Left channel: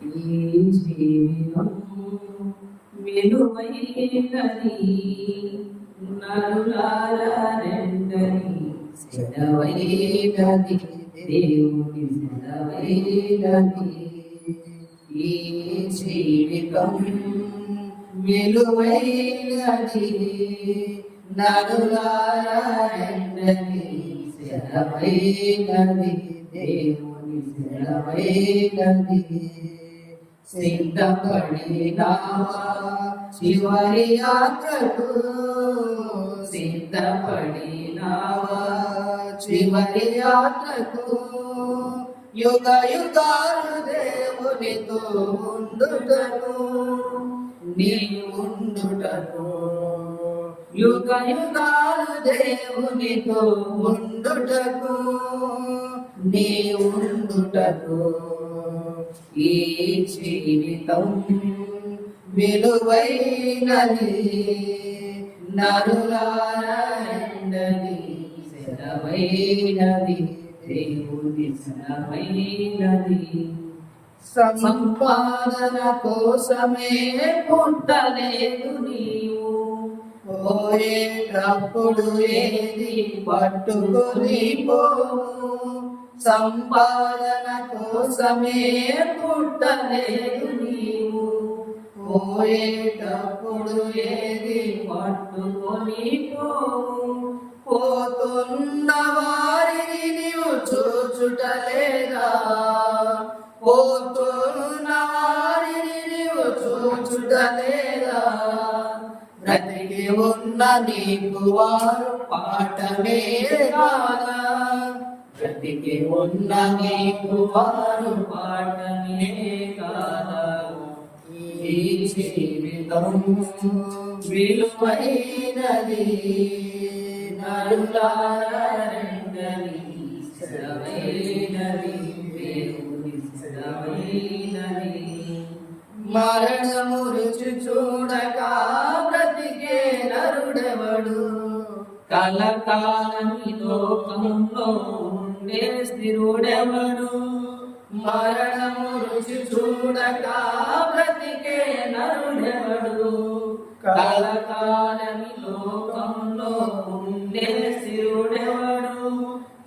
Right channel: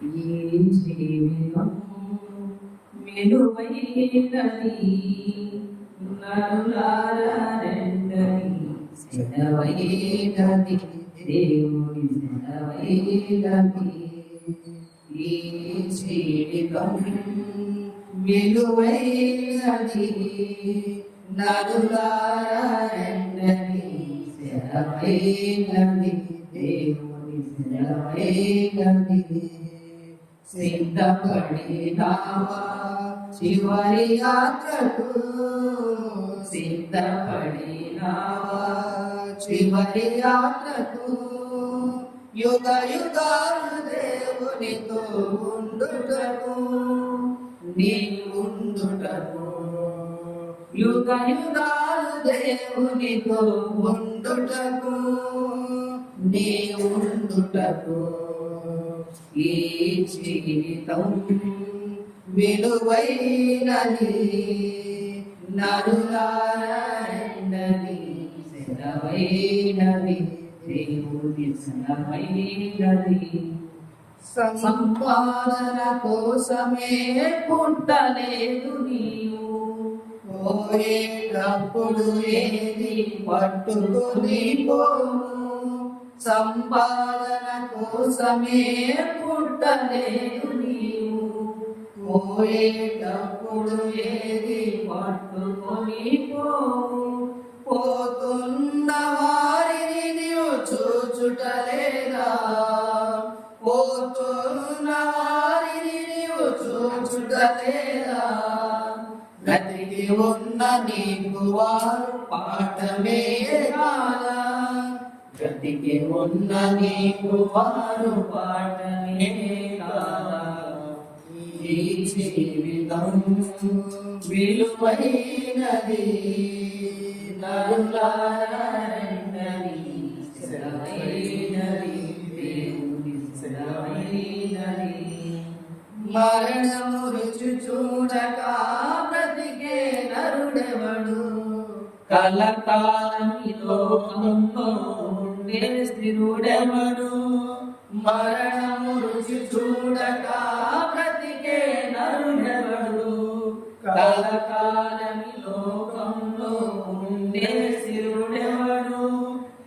ఈ జీవితం విలువైనది నరులారా రెండని సెలవైనది దేవుని సెలవైనది ఈ జీవితం విలువైనది నరులారా రెండని సెలవైనది దేవుని సెలవైనది సిద్ధపడినావా చివరి యాత్రకు సిద్ధపడినావా చివరి యాత్రకు యుగ యుగాలు దేవునితో ఉండుటకు నీవుండుటకు యుగ యుగాలు దేవునితో ఉండుటకు నీవుండుటకు ఈ జీవితం విలువైనది నరులారా రెండని సెలవైనది దేవుని సెలవైనది సంపాదన కోసమే పుట్టలేదు నీవు పోయేటప్పుడు ఏది పట్టుకుని పోవు సంపాదన కోసమే పుట్టలేదు నీవు పోయేటప్పుడు ఏది పట్టుకొని పోతున్న వారిని నీవు చూచుటలేదా పోతున్న వారిని నీవు చూచుటలేదా బ్రతికి ఉన్న నీకు వారు పాఠమే కాదా బ్రతికి ఉన్న నీకు వారు పాఠమే కాదా ఈ జీవితం విలువైనది నరులారా రెండని సెలవైనది దేవుని సెలవైనది మరణము రుచి చూడక బ్రతికే నరుడెవడు కలకాలం ఈ లోకంలో ఉండే స్థిరుడెవడు మరణము రుచి చూడక బ్రతికే నరుడెవడు కలకాలం ఈ లోకంలో ఉండే స్థిరుడెవడు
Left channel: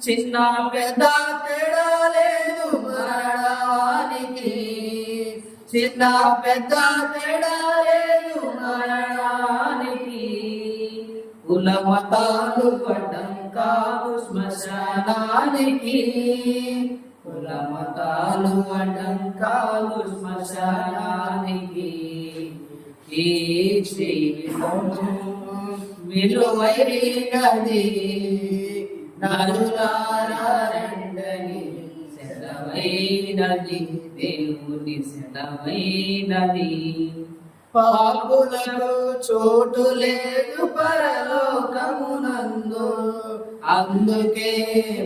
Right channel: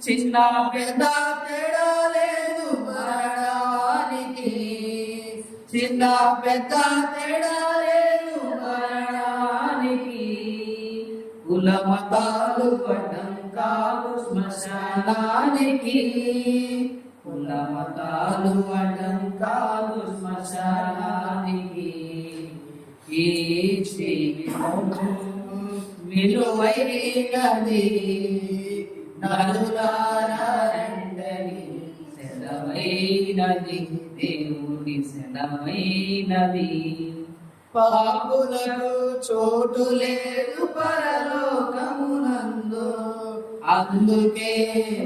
చిన్న పెద్ద తేడా లేదు మరణానికి చిన్న పెద్ద తేడా లేదు మరణానికి కుల మతాలు అడ్డం కాదు శ్మశానానికి కుల మతాలు అడ్డం కాదు శ్మశానానికి ఈ జీవితం విలువైనది నరులారా రెండని సెలవైనది దేవుని సెలవైనది పాపులకు చోటు లేదు పరలోకమునందు అందుకే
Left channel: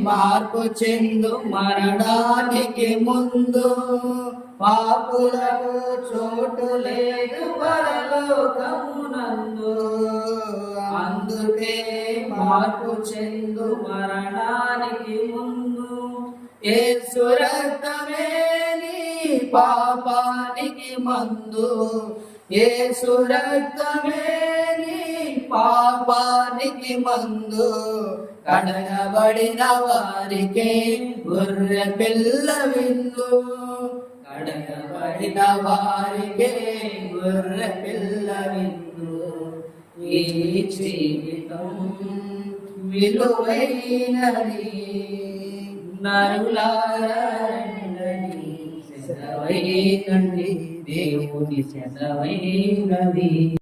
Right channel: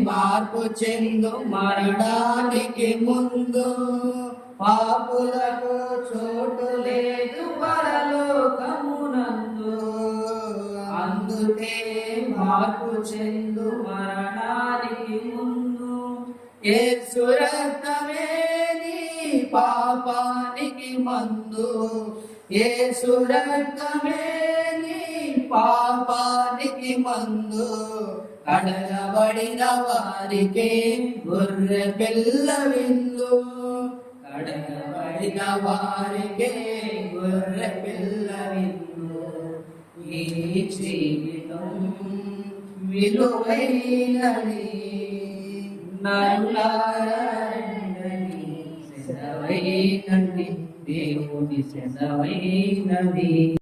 మార్పు చెందు మరణానికి ముందు పాపులకు చోటు లేదు పరలోకమునందు అందుకే మార్పు చెందు మరణానికి ముందు యేసు రక్తమే నీ పాపానికి మందు యేసు రక్తమే నీ పాపానికి మందు కడగబడిన వారికే గొర్రె పిల్ల విందు కడగబడిన వారికే గొర్రె పిల్ల విందు ఈ జీవితం విలువైనది నరులారా రెండని సెలవైనది దేవుని సెలవైనది